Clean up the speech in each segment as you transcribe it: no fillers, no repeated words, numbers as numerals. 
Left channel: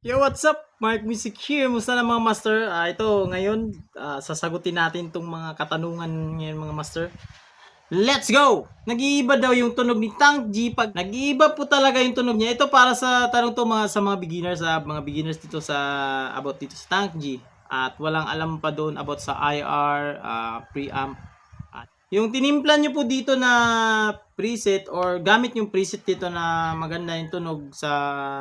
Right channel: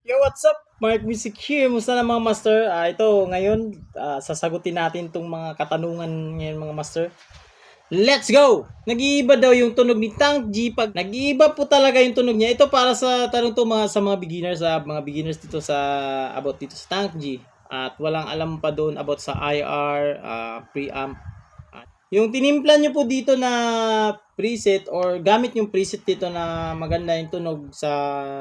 Yo, what's up? Mark Music here. Musta na mga master? Ito, ngayon, sasagutin natin tong mga katanungan ngayon mga master. Let's go! Nag-iiba daw yung tunog ni Tank G pag nag-iiba po talaga yung tunog niya. Ito para sa tanong to mga sa mga beginners dito sa about dito sa Tank G. At walang alam pa doon about sa IR, preamp. Yung tinimpla nyo po dito na preset or gamit yung preset dito na maganda yung tunog sa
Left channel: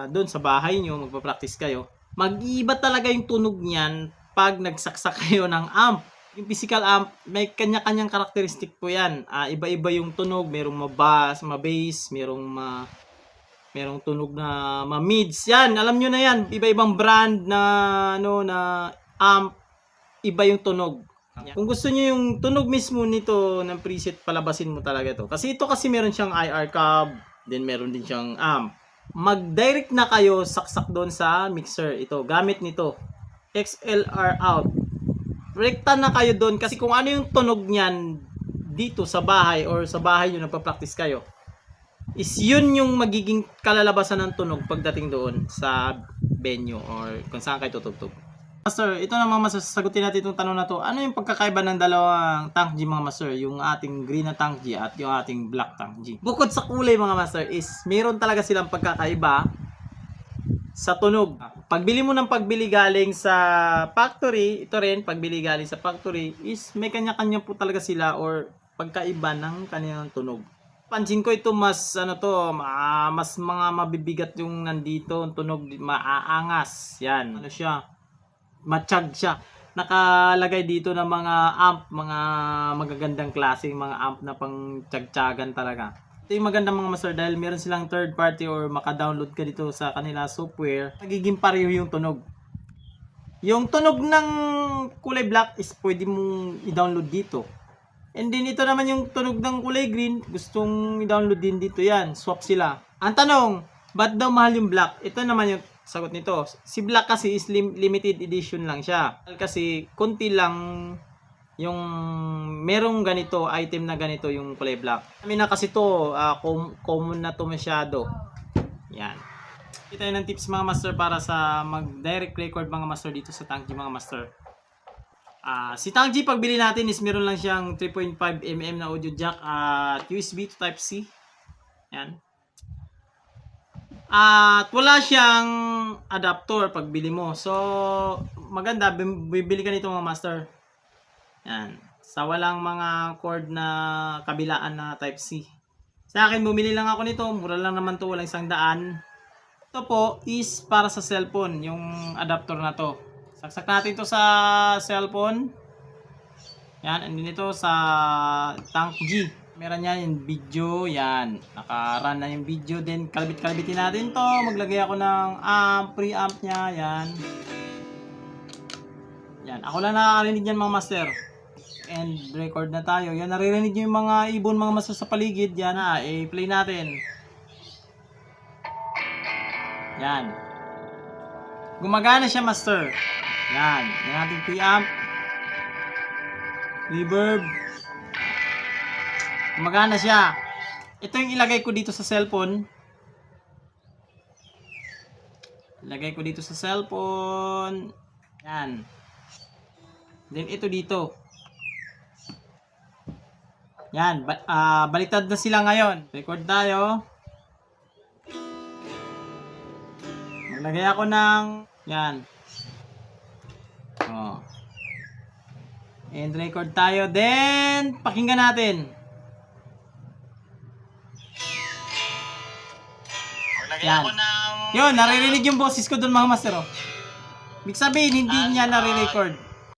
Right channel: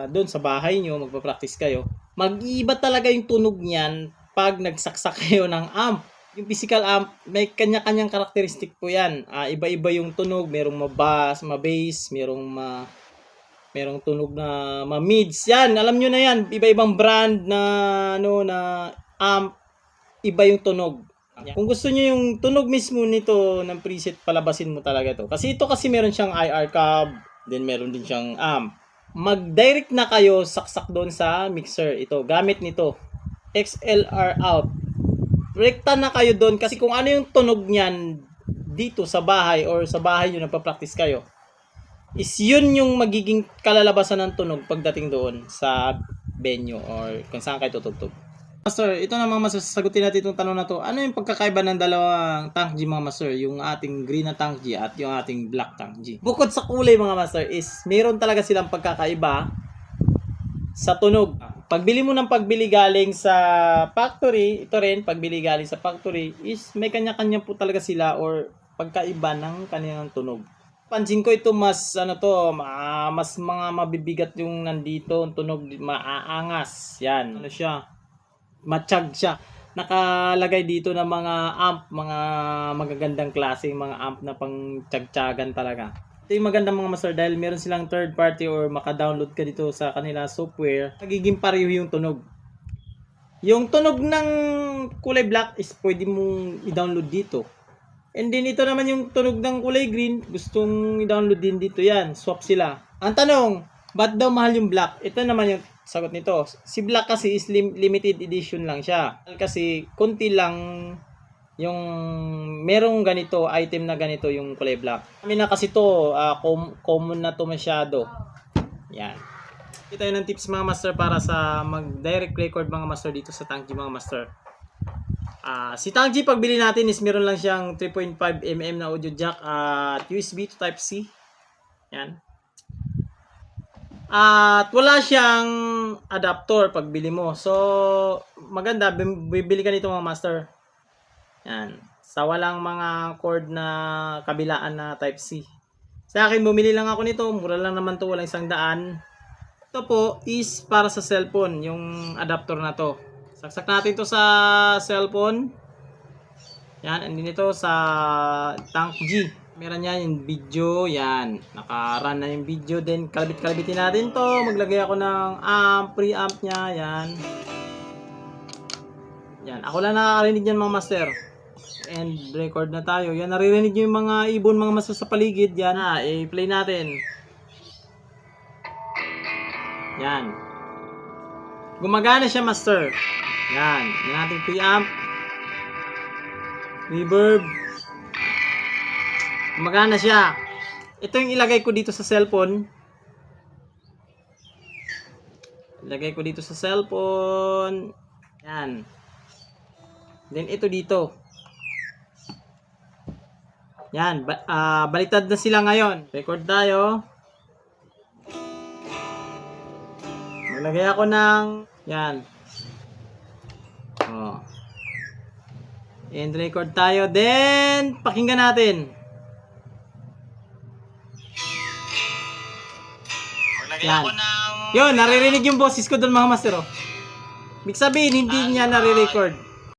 doon sa bahay nyo, magpa-practice kayo. Mag-iiba talaga yung tunog niyan pag nagsaksak kayo ng amp. Yung physical amp, may kanya-kanyang karakteristik po yan. Iba-iba yung tunog, merong ma-bass, ma-bass, merong tunog na ma-mids. Yan, alam nyo na yan. Iba-ibang brand na na amp, iba yung tunog. Kung gusto niyo yung tunog mismo nito ng preset, palabasin mo talaga to. Kasi ito kasi meron siyang IR cab, then meron din siyang amp. Mag-direct na kayo saksak doon sa mixer. Ito, gamit nito. XLR out. Rekta na kayo doon kasi kung ano yung tunog niyan dito sa bahay or sa bahay nyo nagpa-practice kayo, is yun yung magiging kalalabasan ng tunog pagdating doon sa venue or kung saan kayo tutugtog. Master, ito naman masasagutin natin itong tanong na to. Ano yung pagkakaiba ng dalawang Tank G mga master? Yung ating green na Tank G at yung ating black Tank G. Bukod sa kulay mga master is meron talaga silang pagkakaiba sa tunog. Pagbili mo ng pagbili galing sa factory, ito rin pagbili galing sa factory is may kanya-kanya po talaga sila or pagkaiba ng kanilang tunog. Pansin ko ito mas mas mga mabibigat yung nandito, tunog maaangas. Yan, ano siya? Matsyag siya. Nakalagay dito ng mga amp, mga magagandang klase, mga amp na pang tiyag-tiyagan talaga. Ito yung magandang mga master dahil meron silang third party or maka-download ka dito sa kanila software, nagiging pareho yung tunog. Yung tunog ng kulay black is pwede mong i-download dito. And then ito naman yung tunog ng kulay green, gustong i-download din dito yan. Swap sila. Ang tanong, ba't daw mahal yung black? Ito naman yung sagot nito. Si black kasi is limited edition lang siya. Kasi konti lang yung merong ganito, item na ganito yung kulay black. Kami na kasi to, common na to masyado. Yan. Ito tayo ng tips mga master para sa mag-direct record mga master dito sa Tank G mga master. Si Tank G pagbili natin is meron lang siyang 3.5mm na audio jack at USB to Type-C. Yan. At wala siyang adapter pagbili mo. So, maganda, bibili ka nito mga master. Yan. Sa walang mga cord na kabilaan na Type-C. Sa akin, bumili lang ako nito. Mura lang naman to, walang 100. Ito po is para sa cellphone, yung adapter na to. Saksak natin to sa cellphone. Yan, and din ito sa Tank G. Meron yan yung video, yan. Naka-run na yung video. Then, kalabit-kalabitin natin to. Maglagay ako ng preamp niya, yan. Yan, ako lang nakakarinig yan mga master. And record na tayo. Yan, naririnig nyo yung mga ibon, mga master sa paligid. Yan, i-play natin. Yan. Gumagana siya master. Yan, yan ating preamp. Reverb. Magana siya. Ito yung ilagay ko dito sa cellphone. Ilagay ko dito sa cellphone. Yan. Then ito dito. Yan. Baliktad na sila ngayon. Record tayo. Maglagay ako ng yan. Oh. And record tayo. Then pakinggan natin. Yan. Yun, naririnig yung boses ko doon mga master. Ibig sabihin, hindi niya nare-record.